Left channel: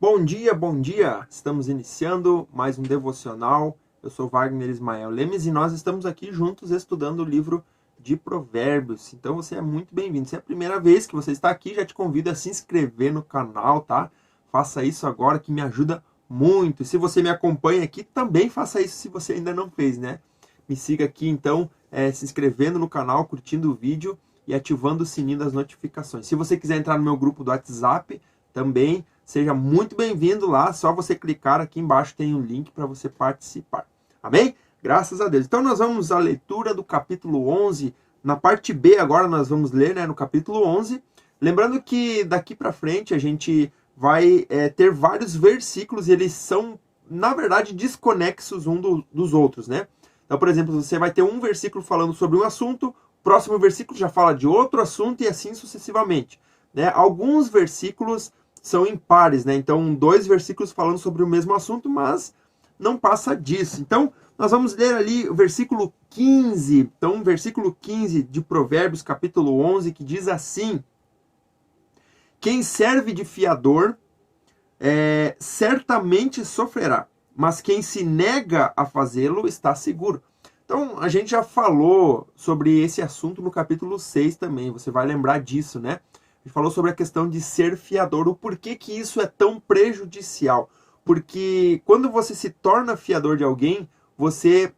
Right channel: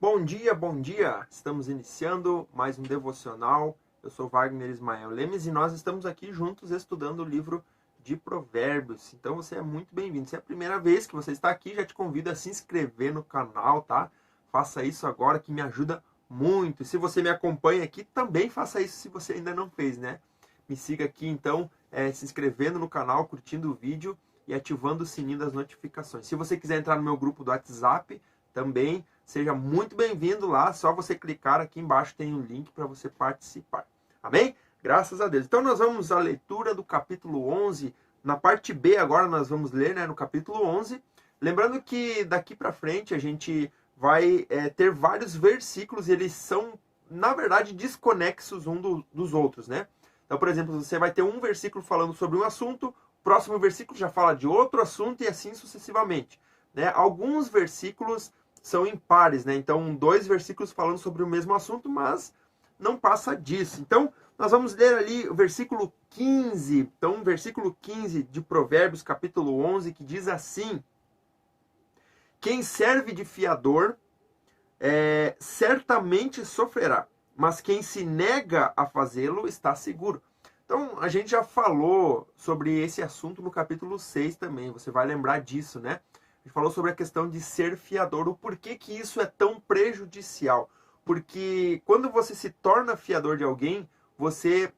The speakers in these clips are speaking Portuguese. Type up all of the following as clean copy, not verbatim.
Bom dia, bom dia! Estamos iniciando mais um devocional. Eu sou Wagner Ismael Lemes e nós estamos aqui juntos estudando o livro de Provérbios. Então você é muito bem-vindo. Se é a primeira vez que você está aqui, já te convido a se inscrever no canal, tá? Faça isso agora que me ajuda muito. E se você me acompanha aqui, também faça isso se você ainda não fez, né? Me siga aqui então, se inscrevendo no canal, curtindo o vídeo e ativando o sininho das notificações. Se você quiser entrar no meu grupo do WhatsApp, também seja muito bem-vindo lá. Só você clicar aqui embaixo, tem um link para você participar. Amém? Graças a Deus. Então nós vamos à leitura do capítulo 11. Na parte B agora nós vamos ler, né, no capítulo 11. Lembrando que daqui para frente a gente vai ter vários versículos e eles são, na verdade, desconexos dos outros, né? Então, por exemplo, você vai ter um versículo falando sobre um assunto, o próximo versículo já fala de outro assunto e assim sucessivamente, né? Alguns versículos são impares, né? Então, dois versículos falando sobre o mesmo assunto, mas não passa disso. Então, nós vamos ler ali o versículo 15. Então, versículo 15 de Provérbios, capítulo 11, que diz assim: quem serve de fiador certamente sofrerá, mas quem se nega a fazê-lo está seguro. Então, a gente já falou sobre esse assunto no capítulo 6 também, você vai lembrar disso, né? A gente falou sobre a questão de ser fiador, o porquê que isso é tão prejudicial. Porque quando você se torna fiador de alguém, você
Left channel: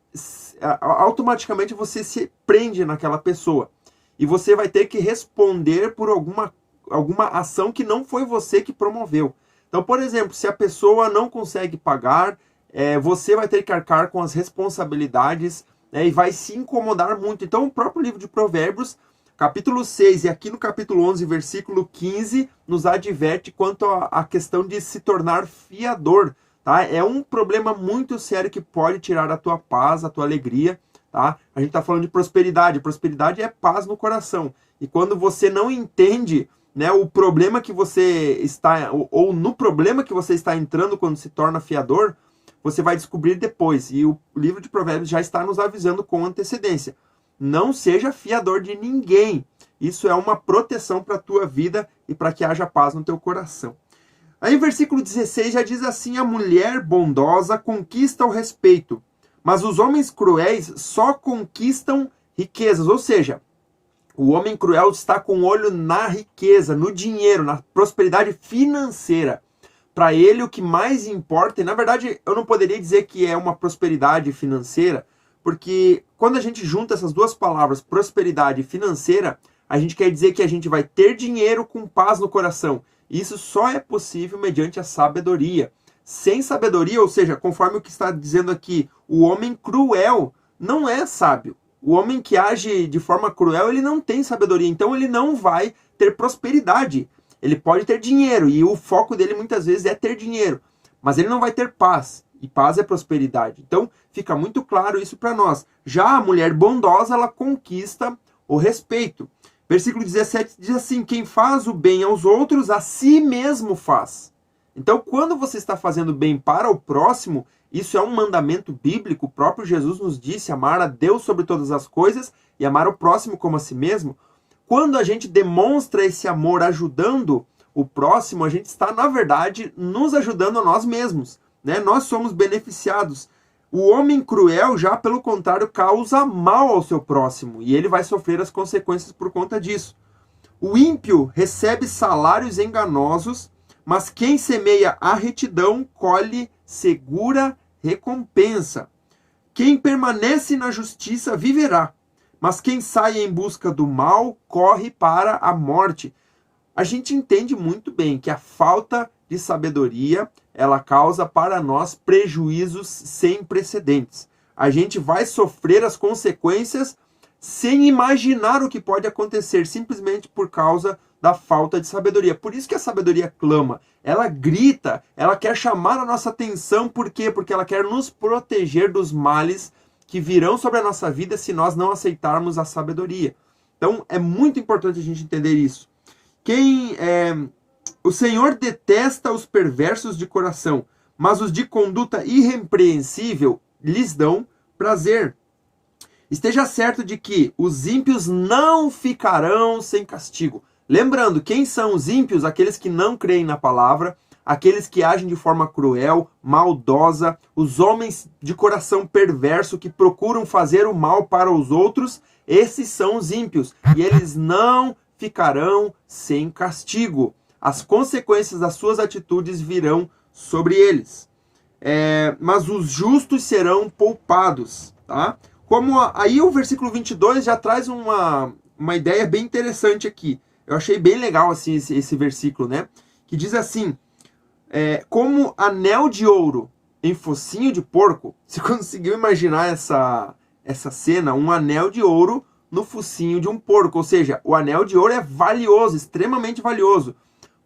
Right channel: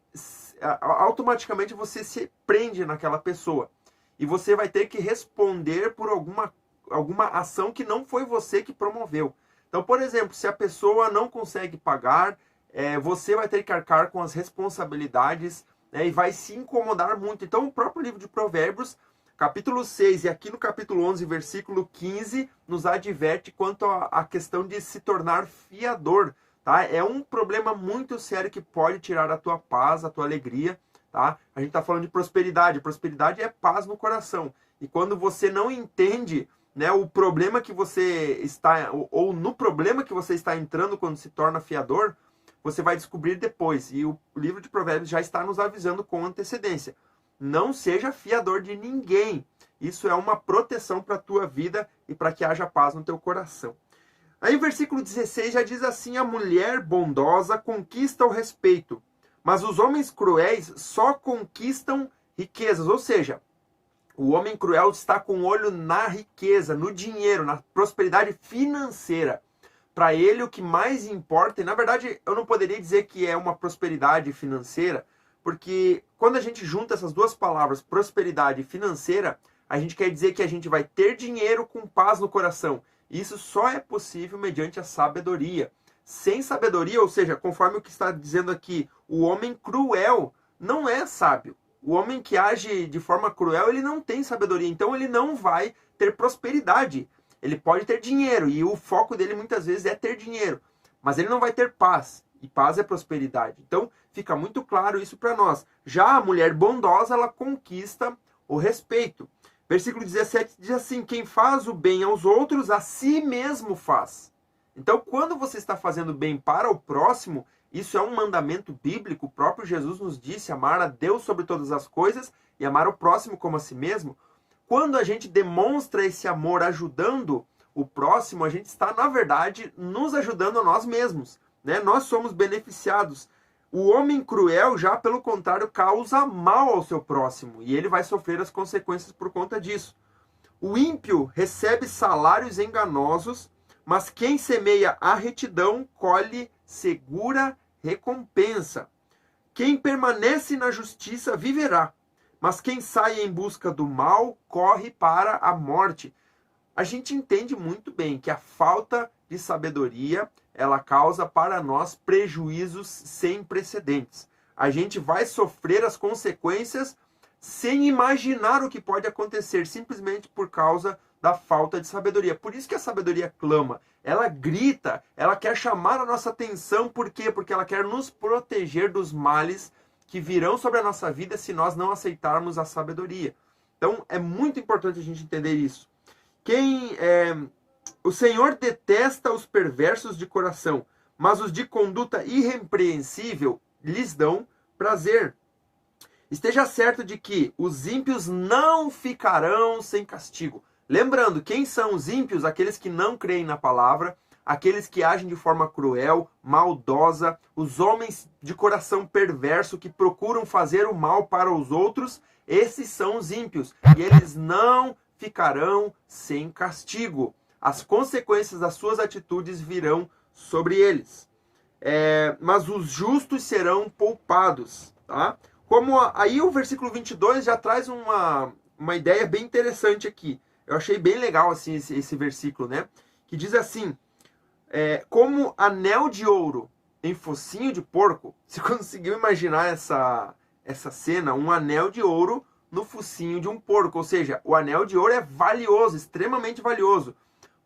automaticamente você se prende naquela pessoa. E você vai ter que responder por alguma ação que não foi você que promoveu. Então, por exemplo, se a pessoa não consegue pagar, você vai ter que arcar com as responsabilidades, né, e vai se incomodar muito. Então, o próprio livro de Provérbios, capítulo 6 e aqui no capítulo 11, versículo 15, nos adverte quanto à questão de se tornar fiador. Tá? É um problema muito sério que pode tirar a tua paz, a tua alegria. Tá? A gente está falando de prosperidade. Prosperidade é paz no coração. E quando você não entende, né, o problema que você está, ou no problema que você está entrando quando se torna fiador, você vai descobrir depois. E o livro de Provérbios já está nos avisando com antecedência. Não seja fiador de ninguém. Isso é uma proteção para a tua vida e para que haja paz no teu coração. Aí o versículo 16 já diz assim: a mulher bondosa conquista o respeito, mas os homens cruéis só conquistam riquezas. Ou seja, o homem cruel está com o olho na riqueza, no dinheiro, na prosperidade financeira. Para ele, o que mais importa, e na verdade eu não poderia dizer que é uma prosperidade financeira, porque quando a gente junta essas duas palavras, prosperidade e financeira, a gente quer dizer que a gente vai ter dinheiro com paz no coração. E isso só é possível mediante a sabedoria. Sem sabedoria, ou seja, conforme o que está dizendo aqui, o homem cruel não é sábio. O homem que age de forma cruel, ele não tem sabedoria, então ele não vai ter prosperidade. Ele pode ter dinheiro, e o foco dele muitas vezes é ter dinheiro, mas ele não vai ter paz, e paz é prosperidade. Então, fica muito claro isso para nós. Já a mulher bondosa, ela conquista o respeito. Versículo 17 diz assim: quem faz o bem aos outros, a si mesmo faz. Então, quando você está fazendo bem para o próximo, isso é um mandamento bíblico. O próprio Jesus nos disse amar a Deus sobre todas as coisas e amar o próximo como a si mesmo. Quando a gente demonstra esse amor ajudando o próximo, a gente está, na verdade, nos ajudando a nós mesmos, né? Nós somos beneficiados. O homem cruel, já pelo contrário, causa mal ao seu próximo e ele vai sofrer as consequências por conta disso. O ímpio recebe salários enganosos, mas quem semeia a retidão colhe segura recompensa. Quem permanece na justiça viverá, mas quem sai em busca do mal corre para a morte. A gente entende muito bem que a falta de sabedoria, ela causa para nós prejuízos sem precedentes. A gente vai sofrer as consequências sem imaginar o que pode acontecer, simplesmente por causa da falta de sabedoria. Por isso que a sabedoria clama, ela grita, ela quer chamar a nossa atenção. Por quê? Porque ela quer nos proteger dos males que virão sobre a nossa vida se nós não aceitarmos a sabedoria. Então, é muito importante a gente entender isso. O Senhor detesta os perversos de coração, mas os de conduta irrepreensível lhes dão prazer. Esteja certo de que os ímpios não ficarão sem castigo. Lembrando, quem são os ímpios? Aqueles que não creem na palavra, aqueles que agem de forma cruel, maldosa, os homens de coração perverso que procuram fazer o mal para os outros, esses são os ímpios, e eles não ficarão sem castigo. As consequências das suas atitudes virão sobre eles. Mas os justos serão poupados, tá? Aí o versículo 22 já traz uma ideia bem interessante aqui. Eu achei bem legal assim, esse versículo, né? Que diz assim, como anel de ouro em focinho de porco. Você conseguiu imaginar essa cena? Um anel de ouro no focinho de um porco. Ou seja, o anel de ouro é valioso, extremamente valioso.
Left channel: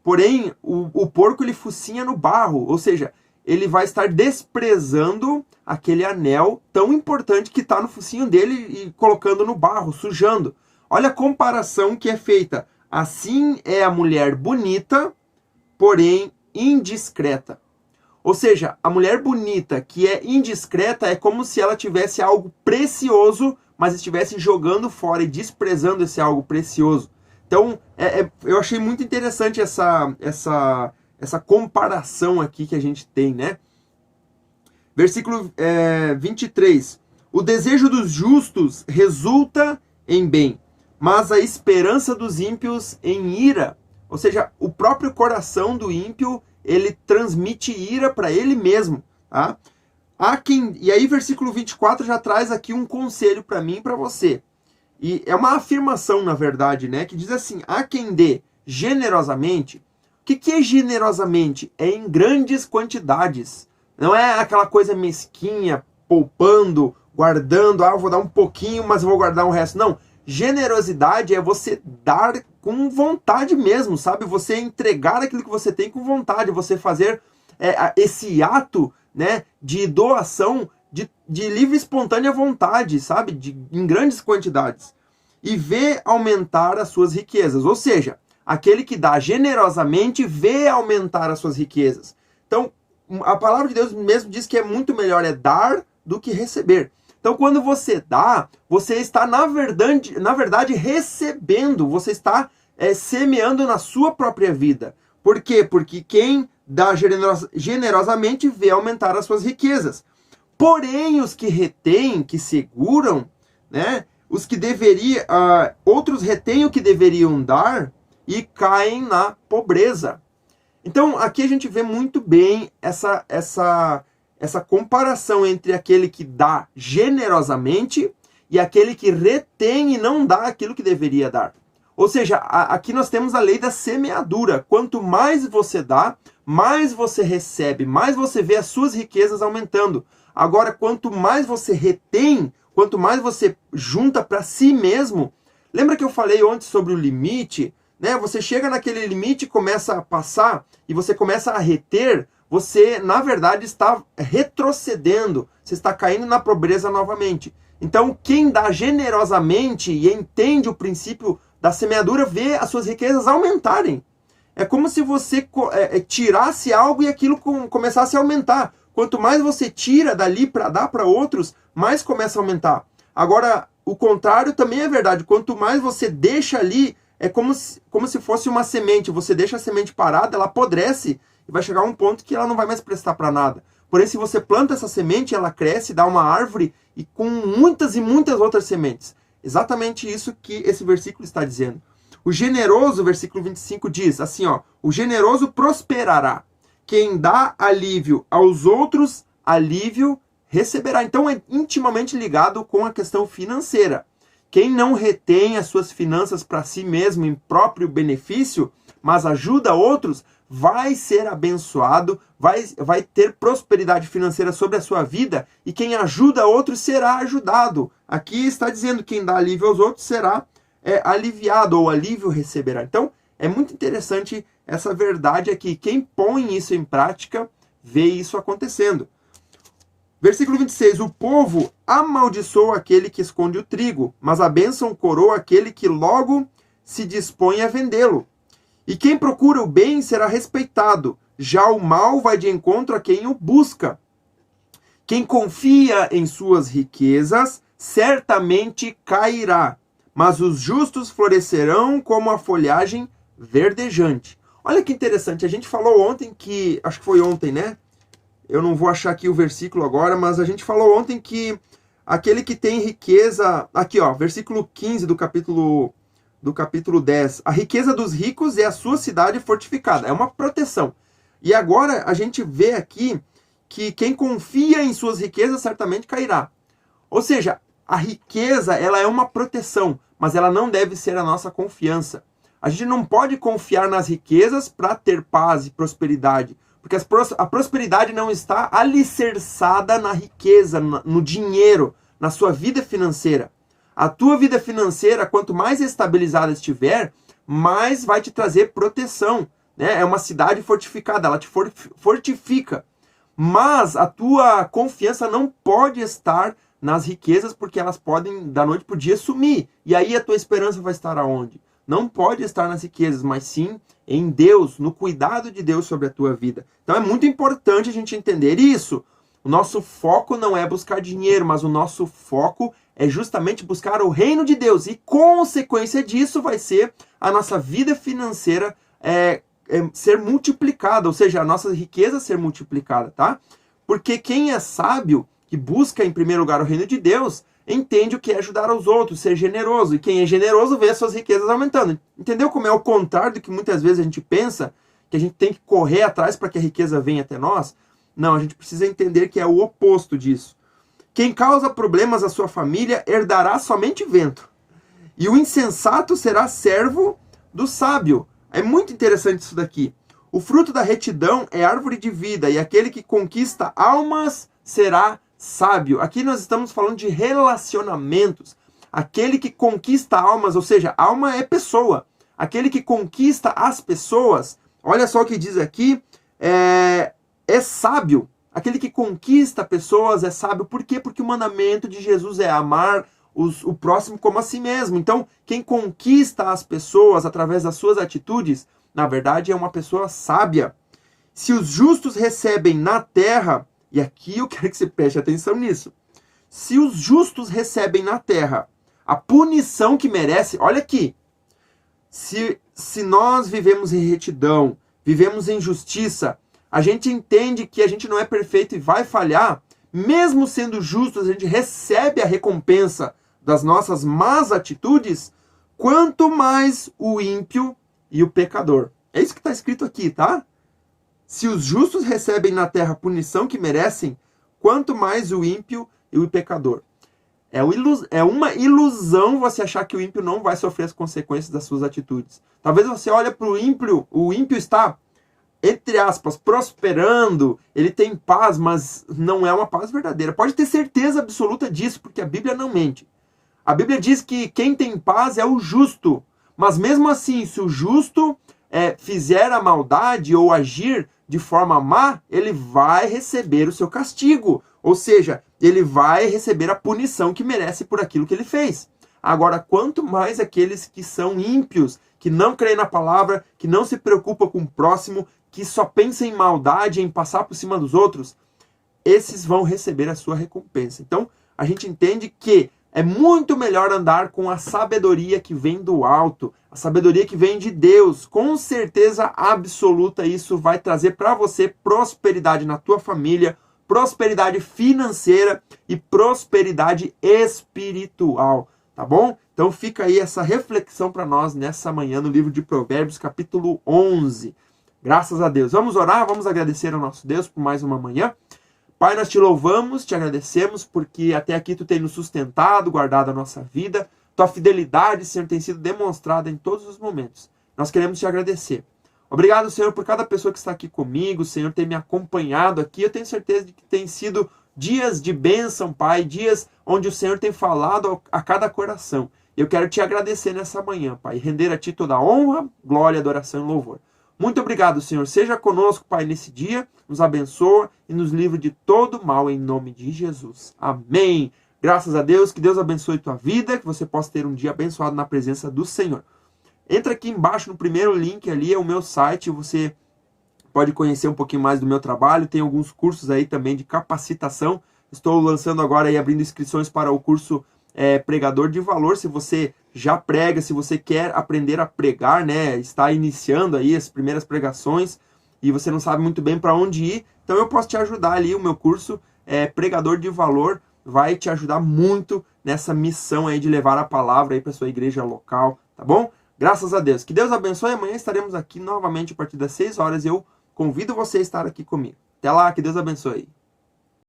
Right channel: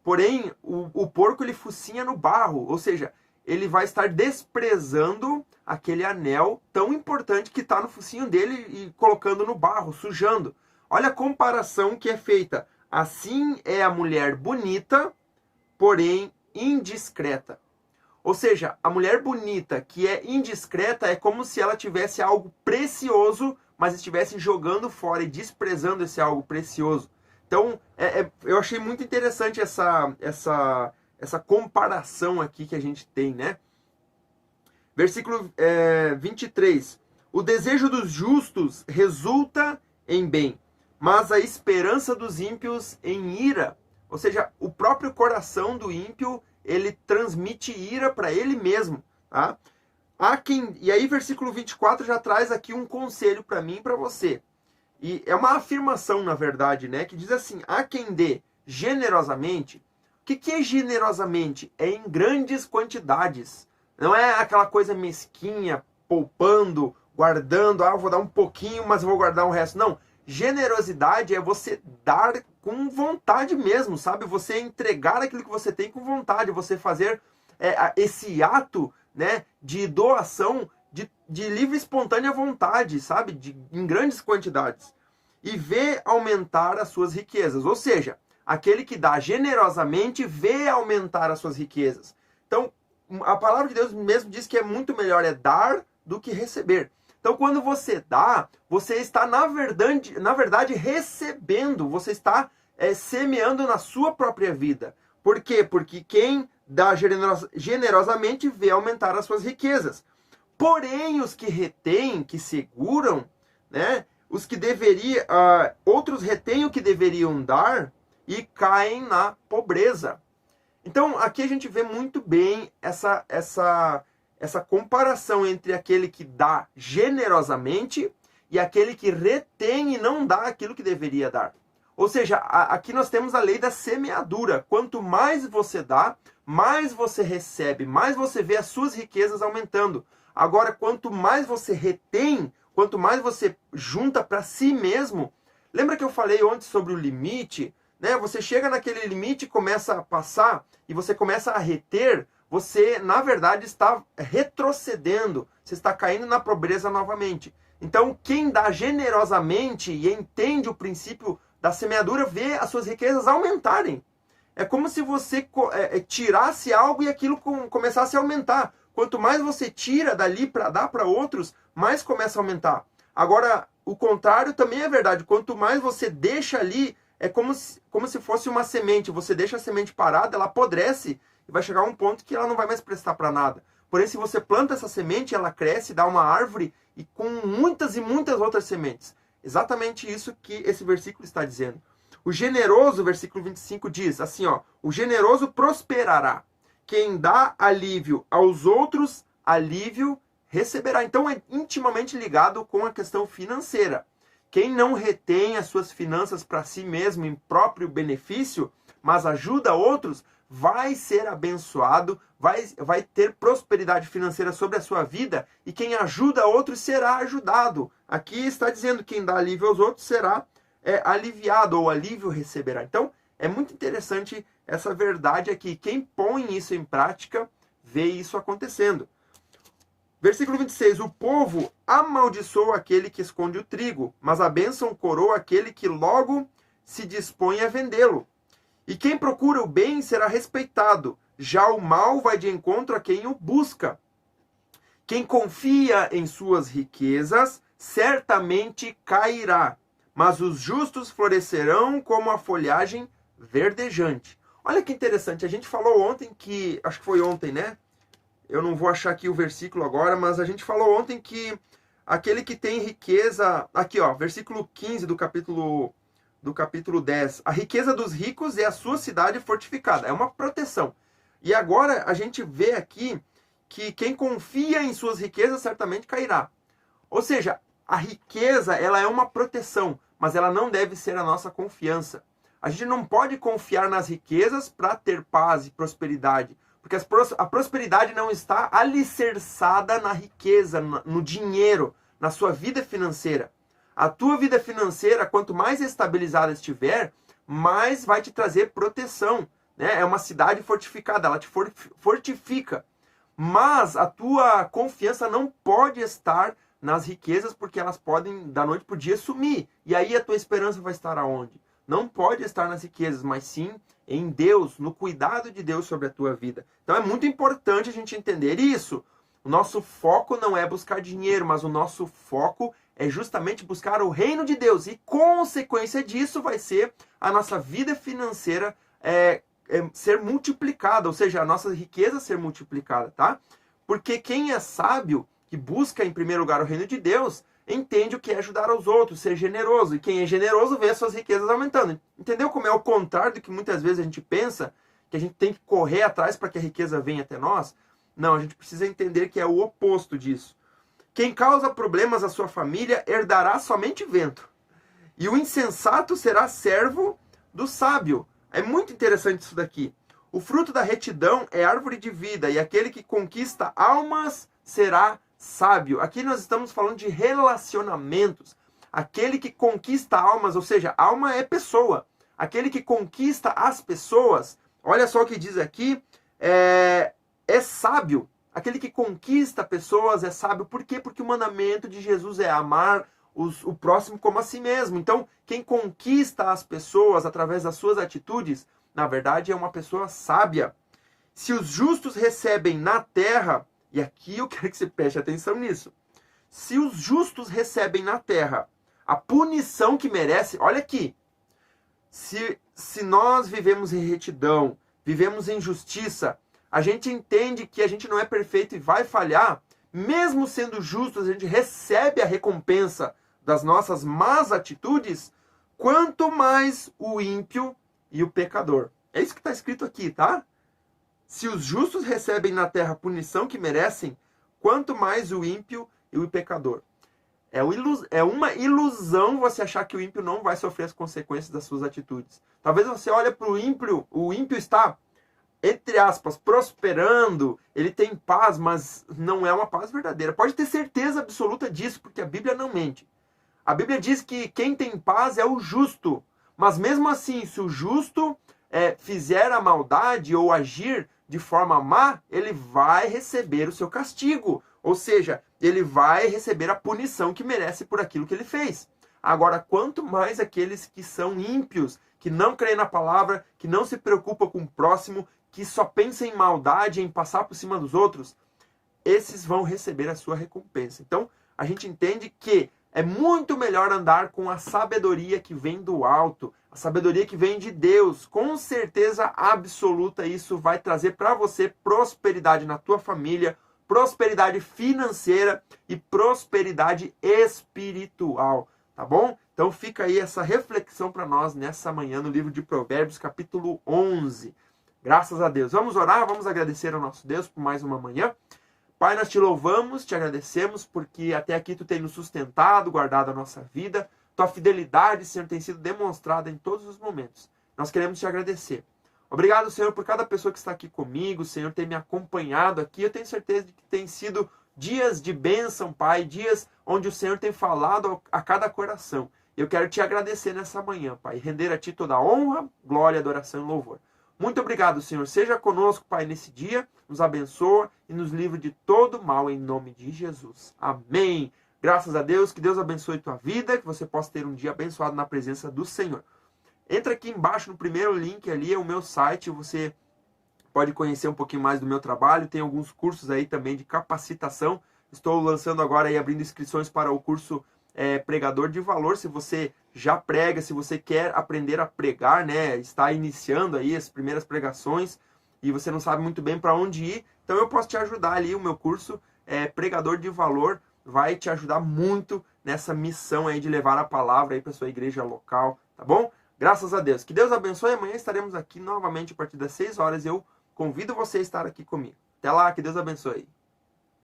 Porém, o porco ele focinha no barro. Ou seja, ele vai estar desprezando aquele anel tão importante que está no focinho dele e colocando no barro, sujando. Olha a comparação que é feita. Assim é a mulher bonita, porém indiscreta. Ou seja, a mulher bonita que é indiscreta é como se ela tivesse algo precioso, mas estivesse jogando fora e desprezando esse algo precioso. Então, eu achei muito interessante essa comparação aqui que a gente tem, né? Versículo 23. O desejo dos justos resulta em bem, mas a esperança dos ímpios em ira. Ou seja, o próprio coração do ímpio, ele transmite ira para ele mesmo. Tá? E aí, versículo 24 já traz aqui um conselho para mim e para você. E é uma afirmação, na verdade, né? Que diz assim, há quem dê generosamente. O que é generosamente? É em grandes quantidades. Não é aquela coisa mesquinha, poupando, guardando. Eu vou dar um pouquinho, mas eu vou guardar o resto. Não. Generosidade é você dar com vontade mesmo, sabe? Você entregar aquilo que você tem com vontade. Você fazer esse ato, né, de doação de livre e espontânea vontade, sabe? Em grandes quantidades. E vê aumentar as suas riquezas. Ou seja, aquele que dá generosamente vê aumentar as suas riquezas. Então, a palavra de Deus mesmo diz que é muito melhor dar do que receber. Então, quando você dá, você está, na verdade recebendo. Você está semeando na sua própria vida. Por quê? Porque quem dá generosamente vê aumentar as suas riquezas. Porém, os que retêm, que seguram, né, os que outros retêm o que deveriam dar e caem na pobreza. Então, aqui a gente vê muito bem essa comparação entre aquele que dá generosamente e aquele que retém e não dá aquilo que deveria dar. Ou seja, aqui nós temos a lei da semeadura. Quanto mais você dá, mais você recebe, mais você vê as suas riquezas aumentando. Agora, quanto mais você retém, quanto mais você junta para si mesmo, lembra que eu falei ontem sobre o limite? Né? Você chega naquele limite, começa a passar e você começa a reter, você, na verdade, está retrocedendo, você está caindo na pobreza novamente. Então, quem dá generosamente e entende o princípio da semeadura, vê as suas riquezas aumentarem. É como se você tirasse algo e aquilo começasse a aumentar. Quanto mais você tira dali para dar para outros, mais começa a aumentar. Agora, o contrário também é verdade. Quanto mais você deixa ali, é como se fosse uma semente. Você deixa a semente parada, ela apodrece e vai chegar a um ponto que ela não vai mais prestar para nada. Porém, se você planta essa semente, ela cresce, dá uma árvore e com muitas e muitas outras sementes. Exatamente isso que esse versículo está dizendo. O generoso, versículo 25, diz assim, ó, o generoso prosperará. Quem dá alívio aos outros, alívio receberá. Então é intimamente ligado com a questão financeira. Quem não retém as suas finanças para si mesmo em próprio benefício, mas ajuda outros, vai ser abençoado, vai ter prosperidade financeira sobre a sua vida, e quem ajuda outros será ajudado. Aqui está dizendo que quem dá alívio aos outros será aliviado, ou alívio receberá. Então, é muito interessante essa verdade aqui. Quem põe isso em prática, vê isso acontecendo. Versículo 26. O povo amaldiçoa aquele que esconde o trigo, mas a bênção coroa aquele que logo se dispõe a vendê-lo. E quem procura o bem será respeitado, já o mal vai de encontro a quem o busca. Quem confia em suas riquezas, certamente cairá, mas os justos florescerão como a folhagem verdejante. Olha que interessante, a gente falou ontem que, acho que foi ontem, né? Eu não vou achar aqui o versículo agora, mas a gente falou ontem que aquele que tem riqueza... Aqui, ó, versículo 15 do capítulo 10. A riqueza dos ricos é a sua cidade fortificada. É uma proteção. E agora a gente vê aqui que quem confia em suas riquezas certamente cairá. Ou seja, a riqueza ela é uma proteção, mas ela não deve ser a nossa confiança. A gente não pode confiar nas riquezas para ter paz e prosperidade, porque a prosperidade não está alicerçada na riqueza, no dinheiro, na sua vida financeira. A tua vida financeira, quanto mais estabilizada estiver, mais vai te trazer proteção, né? É uma cidade fortificada, ela te fortifica. Mas a tua confiança não pode estar nas riquezas, porque elas podem, da noite para o dia, sumir. E aí a tua esperança vai estar aonde? Não pode estar nas riquezas, mas sim em Deus, no cuidado de Deus sobre a tua vida. Então é muito importante a gente entender isso. O nosso foco não é buscar dinheiro, mas o nosso foco é justamente buscar o reino de Deus. E consequência disso vai ser a nossa vida financeira ser multiplicada, ou seja, a nossa riqueza ser multiplicada, tá? Porque quem é sábio, que busca em primeiro lugar o reino de Deus, entende o que é ajudar aos outros, ser generoso. E quem é generoso vê as suas riquezas aumentando. Entendeu como é o contrário do que muitas vezes a gente pensa, que a gente tem que correr atrás para que a riqueza venha até nós? Não, a gente precisa entender que é o oposto disso. Quem causa problemas à sua família herdará somente vento. E o insensato será servo do sábio. É muito interessante isso daqui. O fruto da retidão é árvore de vida, e aquele que conquista almas será sábio. Aqui nós estamos falando de relacionamentos. Aquele que conquista almas, ou seja, alma é pessoa. Aquele que conquista as pessoas, olha só o que diz aqui, é sábio. Aquele que conquista pessoas é sábio. Por quê? Porque o mandamento de Jesus é amar o próximo como a si mesmo. Então, quem conquista as pessoas através das suas atitudes, na verdade, é uma pessoa sábia. Se os justos recebem na terra, e aqui eu quero que você preste atenção nisso. Se os justos recebem na terra a punição que merece, olha aqui. Se nós vivemos em retidão, vivemos em justiça, a gente entende que a gente não é perfeito e vai falhar, mesmo sendo justos, a gente recebe a recompensa das nossas más atitudes, quanto mais o ímpio e o pecador. É isso que está escrito aqui, tá? Se os justos recebem na terra a punição que merecem, quanto mais o ímpio e o pecador. É uma ilusão você achar que o ímpio não vai sofrer as consequências das suas atitudes. Talvez você olhe para o ímpio está, entre aspas, prosperando, ele tem paz, mas não é uma paz verdadeira. Pode ter certeza absoluta disso, porque a Bíblia não mente. A Bíblia diz que quem tem paz é o justo. Mas mesmo assim, se o justo fizer a maldade ou agir de forma má, ele vai receber o seu castigo. Ou seja, ele vai receber a punição que merece por aquilo que ele fez. Agora, quanto mais aqueles que são ímpios, que não creem na palavra, que não se preocupam com o próximo, que só pensam em maldade, em passar por cima dos outros, esses vão receber a sua recompensa. Então, a gente entende que é muito melhor andar com a sabedoria que vem do alto, a sabedoria que vem de Deus. Com certeza absoluta, isso vai trazer para você prosperidade na tua família, prosperidade financeira e prosperidade espiritual, tá bom? Então fica aí essa reflexão para nós nessa manhã no livro de Provérbios, capítulo 11. Graças a Deus. Vamos orar, vamos agradecer ao nosso Deus por mais uma manhã. Pai, nós te louvamos, te agradecemos, porque até aqui tu tem nos sustentado, guardado a nossa vida. Tua fidelidade, Senhor, tem sido demonstrada em todos os momentos. Nós queremos te agradecer. Obrigado, Senhor, por cada pessoa que está aqui comigo, Senhor, ter me acompanhado aqui. Eu tenho certeza de que tem sido dias de bênção, Pai, dias onde o Senhor tem falado a cada coração. Eu quero te agradecer nessa manhã, Pai, e render a ti toda a honra, glória, adoração e louvor. Muito obrigado, Senhor. Seja conosco, Pai, nesse dia. Nos abençoa e nos livre de todo mal, em nome de Jesus. Amém. Graças a Deus. Que Deus abençoe tua vida. Que você possa ter um dia abençoado na presença do Senhor. Entra aqui embaixo no primeiro link ali. É o meu site. Você pode conhecer um pouquinho mais do meu trabalho. Tem alguns cursos aí também de capacitação. Estou lançando agora e abrindo inscrições para o curso Pregador de Valor. Se você já prega, se você quer aprender a pregar, né, está iniciando aí as primeiras pregações e você não sabe muito bem para onde ir, então eu posso te ajudar ali, o meu curso Pregador de Valor vai te ajudar muito nessa missão aí de levar a palavra aí para sua igreja local, tá bom? Graças a Deus. Que Deus abençoe. Amanhã estaremos aqui novamente a partir das 6 horas e eu convido você a estar aqui comigo. Até lá, que Deus abençoe.